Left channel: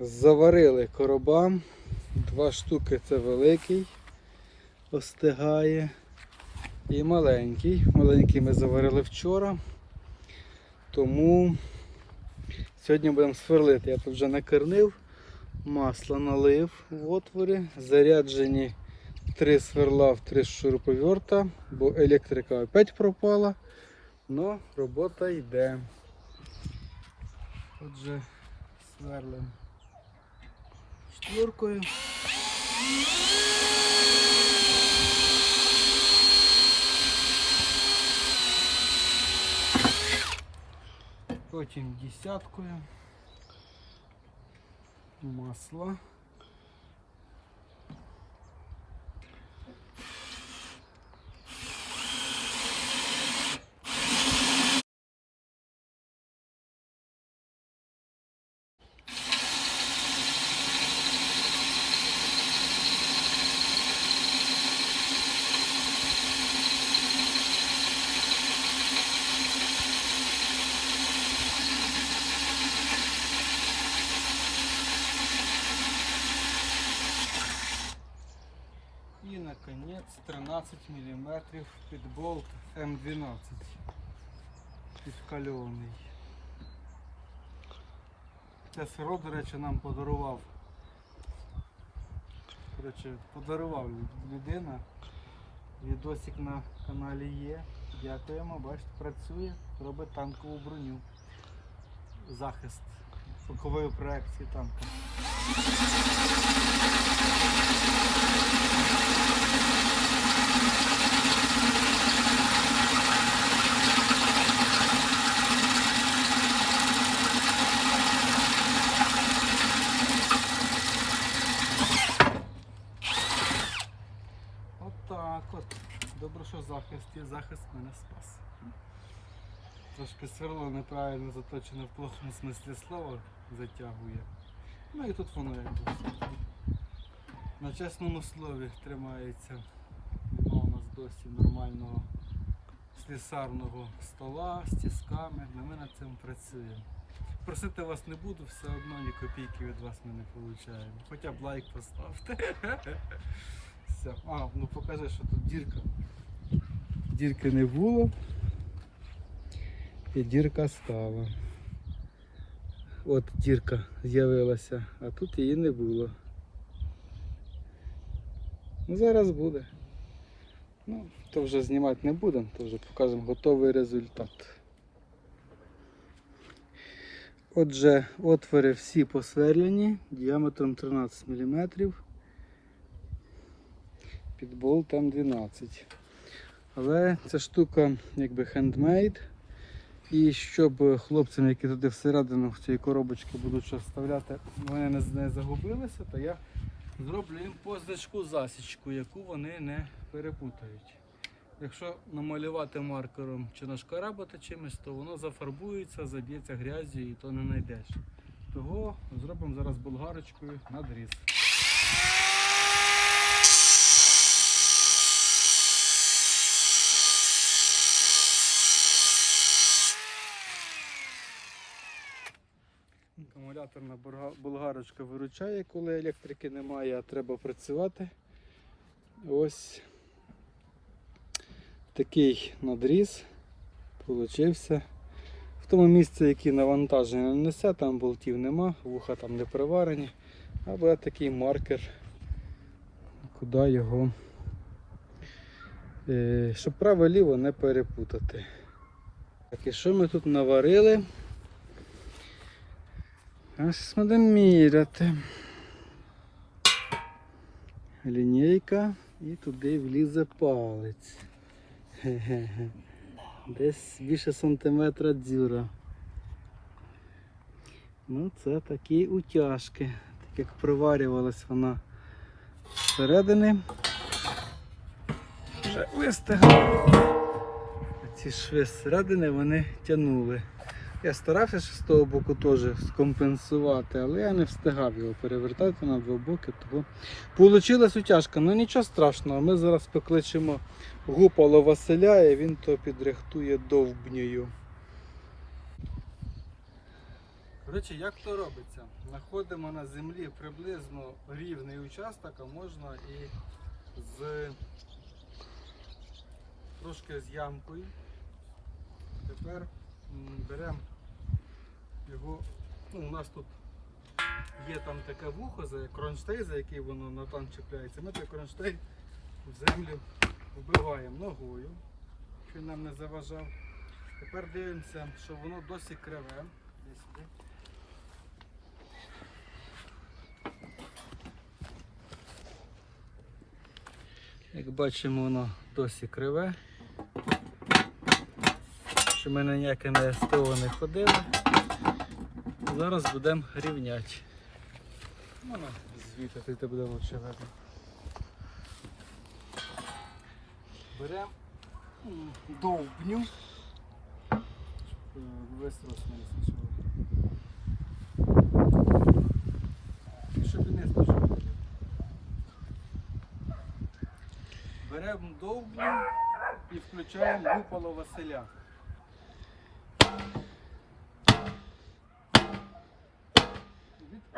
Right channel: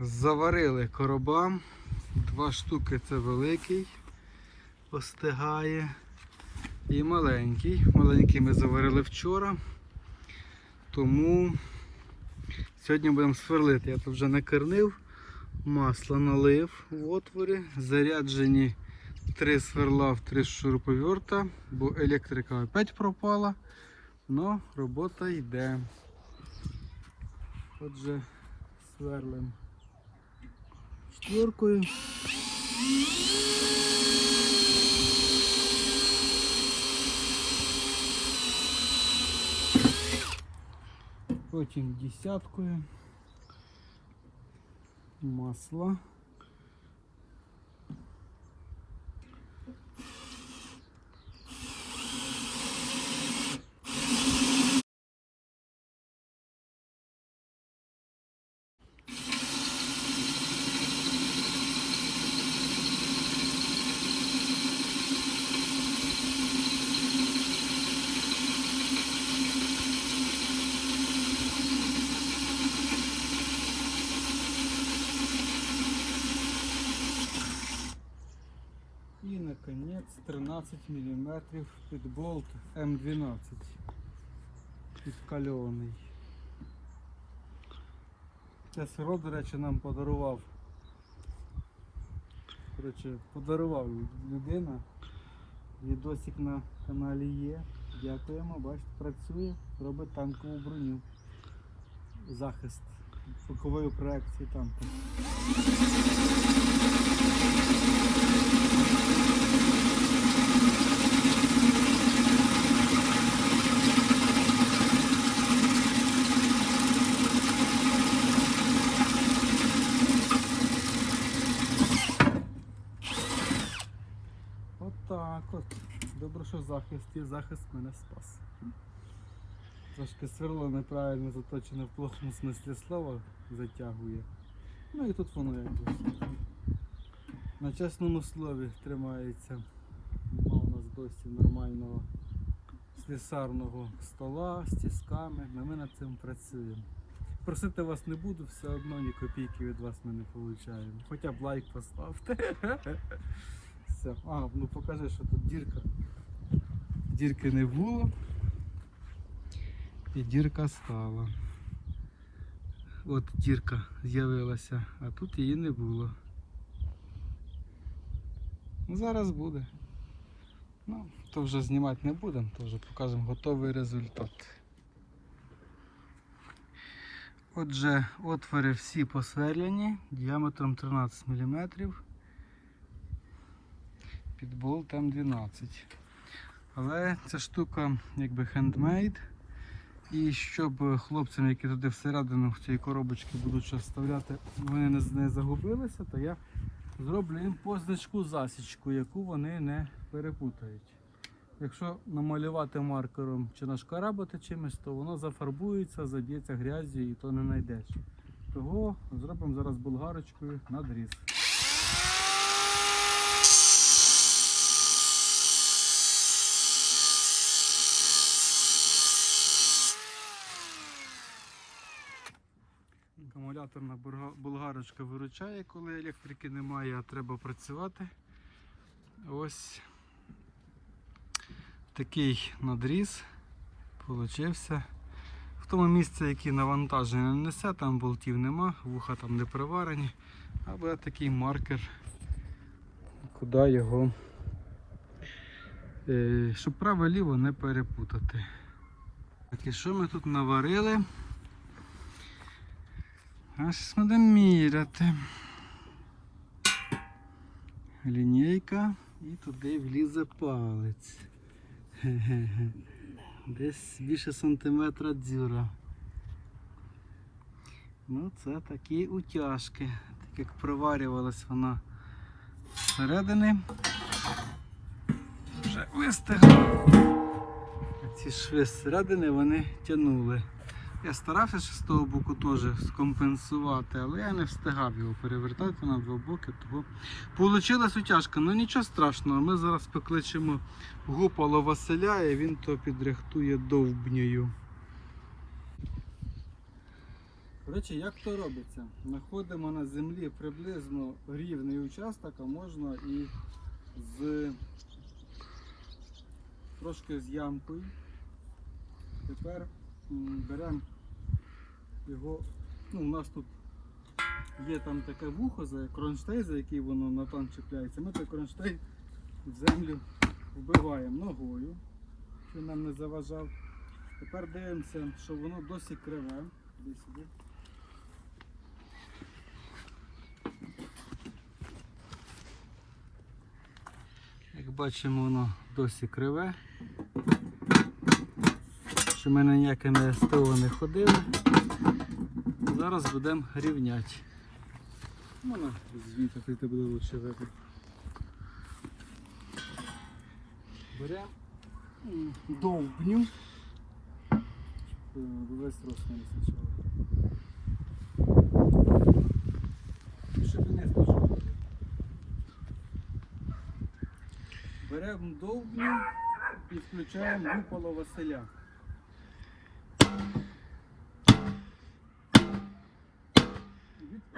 Заварили короба. Два штуки це великий, остигає. І маленький. Маленький ми заварили вчора. Тому сьогодні будемо сверлити. Я тут вже накернив, масло налив в отворі, заряджені три сверла в три шуруповерта, бо електрика опять пропала. Ну, робота йде. Отже, сверлим четвіркою. Потім десяткою. Масло. І наконець 13 мм під болт М12 підкальований. Це сироп, до речі, нам подарував. Коротше, подарував людина. Відосик на каналі є. Дякуємо, бачите, працює, робить танкову броню. Захист бокової проекції танка. Що захист є, захист мене спас. Трошки сверло неправильно заточене в плохому смислі слова затягує. Ну і тут воно якось. На чесному слові тримається. Нема у нас досі нормального слісарного стола з тісками. але Ми над цим працюємо. Просити вас не буду, все одно ні копійки від вас ми не отримуємо. Хоча б лайк поставте. Все. А, ну покажи, що тут дірка. Дірки не було. І дірка стала. От дірка з'явилася, а тут її не було. Ну зараз буде. Ну, то вже знімати не будемо, то вже покажемо готовий результат. Отже, отвори всі посверлені діаметром 13 мм під болт М12. Але ця штука якби хендмейд. І щоб хлопцям, які туди всередину в цій коробочці будуть щось вставляти, вони не, загубилися, то я зроблю їм позначку засічку, яку вони не перепутають. Якщо намалювати маркером чи нашкарабити чимось, то воно зафарбується, заб'ється грязю і то не знайдеш. Того зробимо зараз болгарочкою надріз. Акумуляторна болгарочка виручає, коли електрики немає, а треба працювати. Ось такий надріз получився. В тому місці, яке навантаження не несе, там болтів нема, вуха там не приварені, а буде такий маркер, куди його, е, щоб право-ліво не перепутати. Так, і що ми тут наварили? А зараз будемо міряти. Лінійка і туди влізе палець. Десь більше сантиметра дзюра. Ну це такі утяжки. Так як проварювалась вона всередини. Вже вистигла. Ці шви зсередини вони тягнули. Я старався з того боку теж скомпенсувати, але я не встигав його перевертати на два боки. Тому Получилась утяжка, ну нічого страшного. Ми зараз покличемо гупало Василя і він то підрихтує довбнею. Коротше, як то робиться? Знаходимо на землі приблизно рівний участок, а можна і з трошки з ямкою. Тепер беремо його, ну у нас тут є там таке вухо, за кронштейн, за який воно на тан чіпляється. Ми той кронштейн в землю вбиваємо ногою, що нам не заважав. Тепер дивимося, що воно досить криве. Як бачимо, воно досі криве. Що ми на ніяке не СТО не ходили. Зараз будемо рівняти. Можна звідти, ти буде лучше видно. Беремо довбню. Щоб е, весь рост не спочатку. Щоб не спочатку. Беремо довбню і включаємо гупало Василя.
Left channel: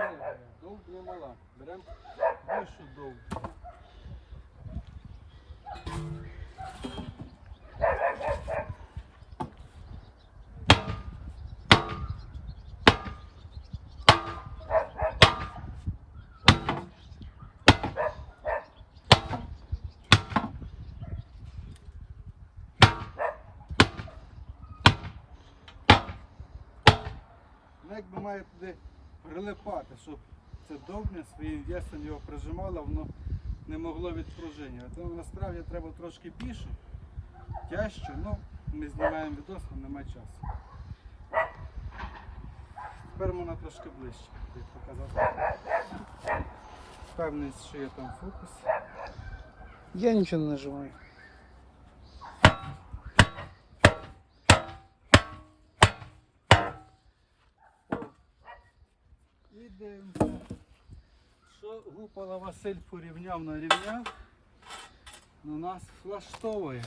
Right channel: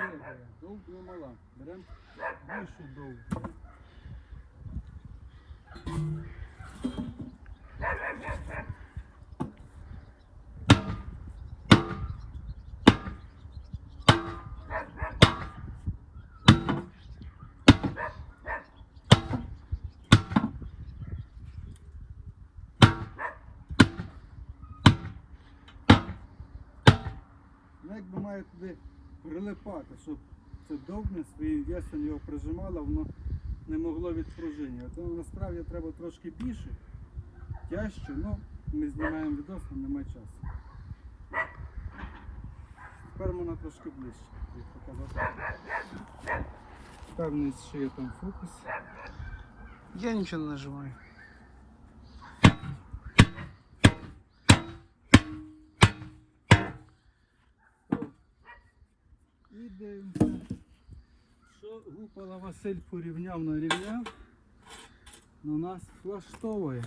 Відпригає, довбня мала. Беремо більшу довбню. Ну, якби має туди прилипати, щоб це довбня своїм весом його прижимало, воно не могло відпружинювати. Ну, насправді треба трошки більше, тяжче, ну ми знімаємо відос, але немає часу. Тепер можна трошки ближче тобі показати. Певний, що є там фокус. Я нічого не нажимаю. Дивимося, що Гупала Василь порівняв нарівняв, ну нас влаштовує.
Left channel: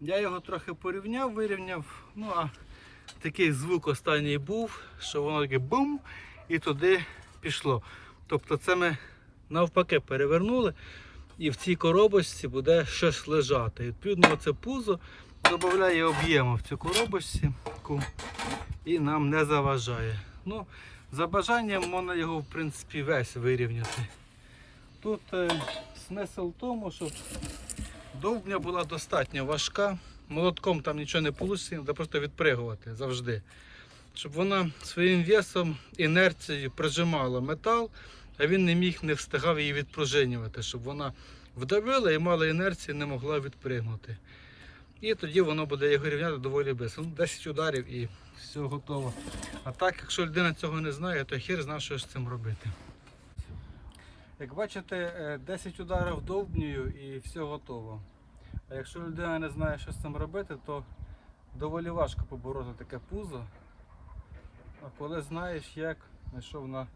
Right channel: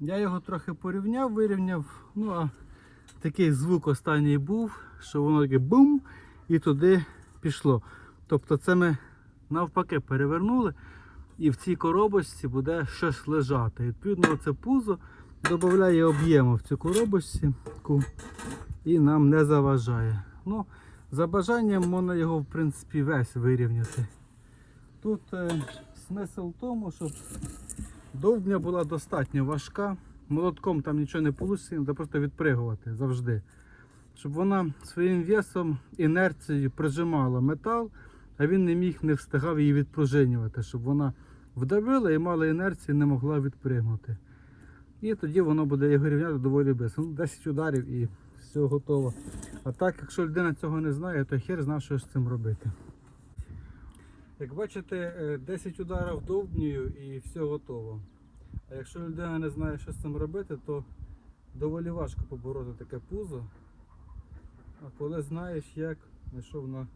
Я його трохи порівняв, вирівняв, ну а такий звук останній був, що воно таке бум і туди пішло. Тобто це ми навпаки перевернули і в цій коробочці буде щось лежати. І відповідно це пузо додає об'єму в цю коробочці і нам не заважає. Ну, за бажанням можна його в принципі весь вирівняти. Тут е, смисл в тому, щоб довбня була достатньо важка. Молотком там нічого не вийде, треба просто відпригувати завжди. Щоб вона своїм весом, інерцією прижимала метал, а він не міг, не встигав її відпружинювати, щоб вона вдавила і мала інерцію, не могла відпригнути. І тоді воно буде його рівняти доволі близько. Ну, 10 ударів і все готово. А так, якщо людина цього не знає, то хір знає, що з цим робити. Як бачите, е, 10 ударів довбнею і все готово. А якщо людина не знає, що з цим робити, то доволі важко побороти таке пузо. А коли знаєш, як знайшов на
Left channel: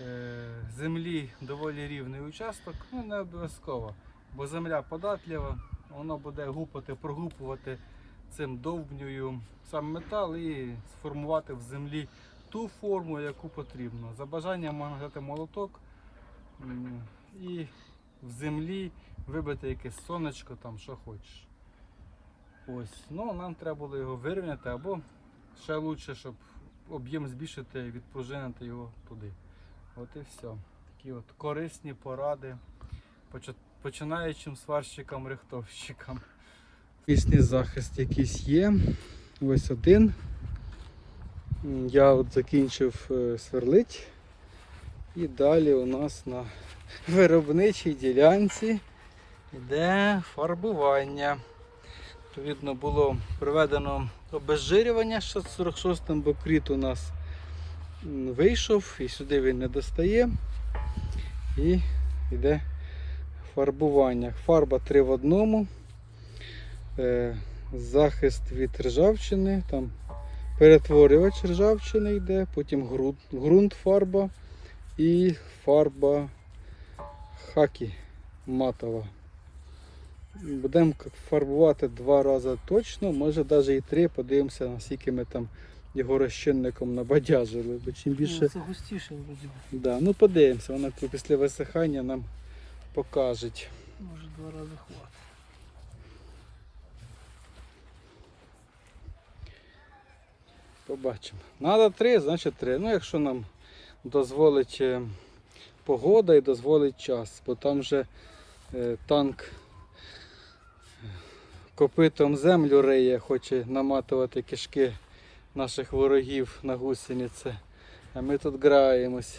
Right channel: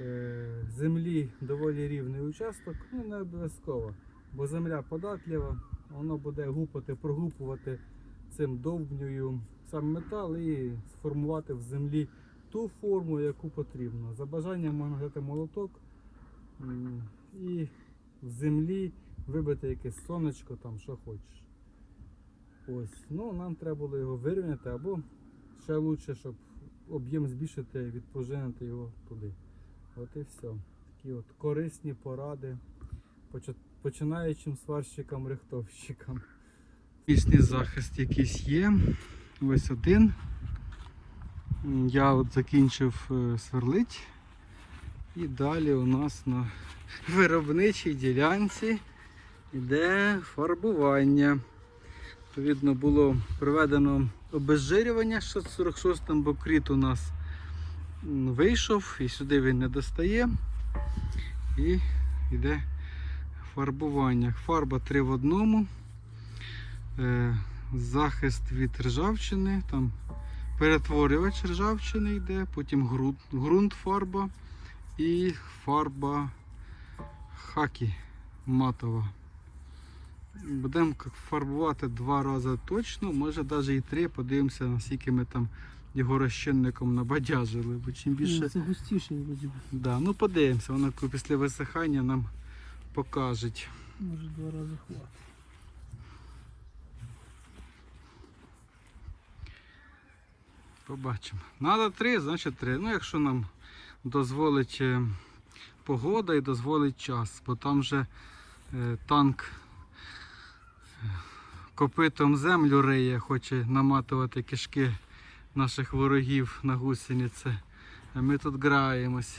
е, землі доволі рівний участок, ну не обов'язково. Бо земля податлива, воно буде гупати, прогупувати цим довбнею сам метал і сформувати в землі ту форму, яку потрібно. За бажанням можна взяти молоток і в землі вибити якесь сонечко, там, що хочеш. Ось. Ну, нам треба було його вирівняти або ще краще, щоб об'єм збільшити, відпружинити його туди. От і все. Такі от корисні поради починаючим сварщикам, Пісний захист якийсь є. Ось один. Я от закінчив е, сверлить. І далі у нас на виробничій ділянці йде фарбування. Відповідно, було проведено обезжирювання 646 бокріт у нас вийшов і сюди він не достає. І йде фарбування. Фарба 3 в одному. Е, захист від ржавчини, там перетворювач ржавчини йде, потім ґрунт, ґрунт фарба і фарба хакі матова. Будемо фарбувати два рази точно, може навіть і три. Подивимося, наскільки ми там його розчинником набадяжили. Бо чим більше. Ну, Це густіше буде. Да, ну подивимося, воно після висихання нам покажуть. Може два рази хватить. Побачимо. Надо три, значить три. Ну, якщо нам дозволить е, погода і дозволить час, бо там вже е, танк е, копитом землю риє, хоче наматувати кишки наших ворогів на гусениці. А ми тут граємось.